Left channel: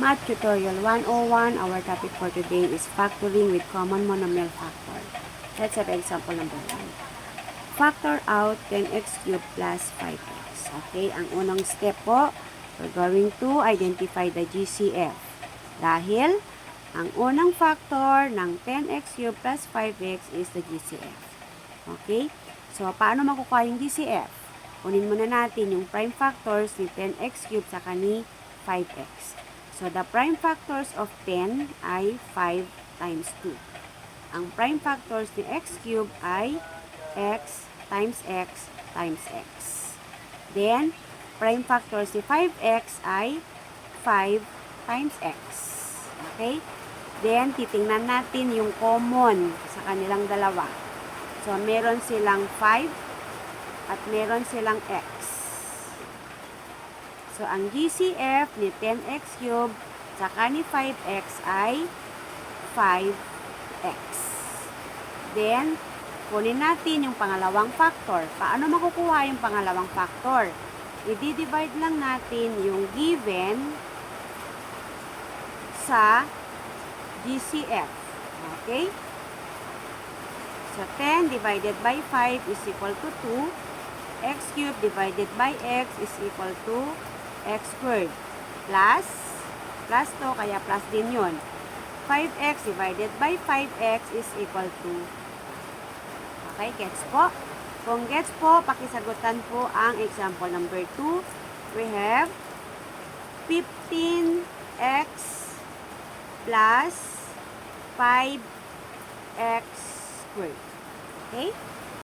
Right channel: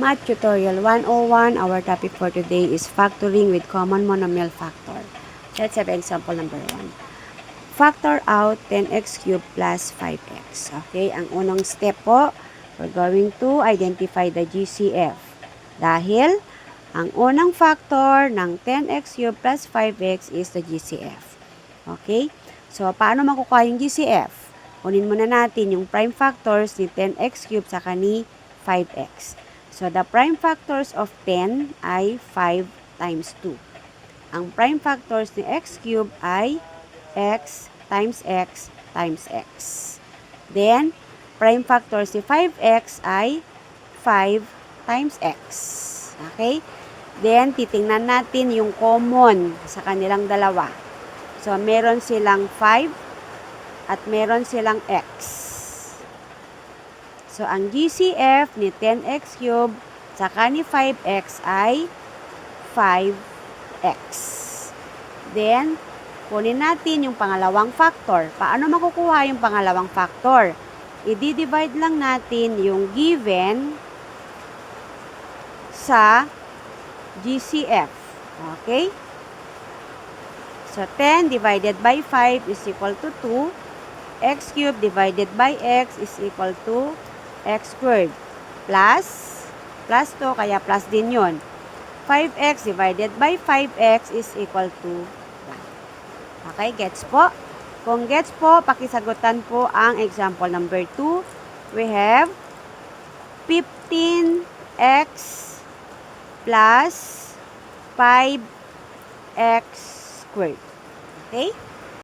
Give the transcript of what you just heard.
Math Tutorial 101, our topic for today is factoring with common monomial factor. Let's have example number 1. Factor out 10x cubed plus 5x. Okay, ang unang step po, we're going to identify the GCF. Dahil, ang unang factor ng 10x cubed plus 5x is the GCF. Okay, so paano makukuha yung GCF? Kunin muna natin yung prime factors ni 10x cubed saka ni 5x. So, the prime factors of 10 ay 5 times 2. Ang prime factors ni x cubed ay x times x times x. Then, prime factors ni 5x ay 5 times x. Okay? Then, titingnan natin yung common sa kanilang dalawa. So, meron silang 5 at meron silang x. So, ang GCF ni 10x cubed saka ni 5x ay 5x. Then, kunin natin yung pangalawang factor. Paano makukuha yung pangalawang factor? I-divide lang natin yung given sa GCF. Okay? So, 10 divided by 5 is equal to 2. X cubed divided by x is equal to x squared. Plus to, kaya plus din yun. 5x divided by 5x is equal to 1. Okay, gets po? Kung gets po, pakisagutan po ang example number 2. We have 15x plus 5x squared. Okay?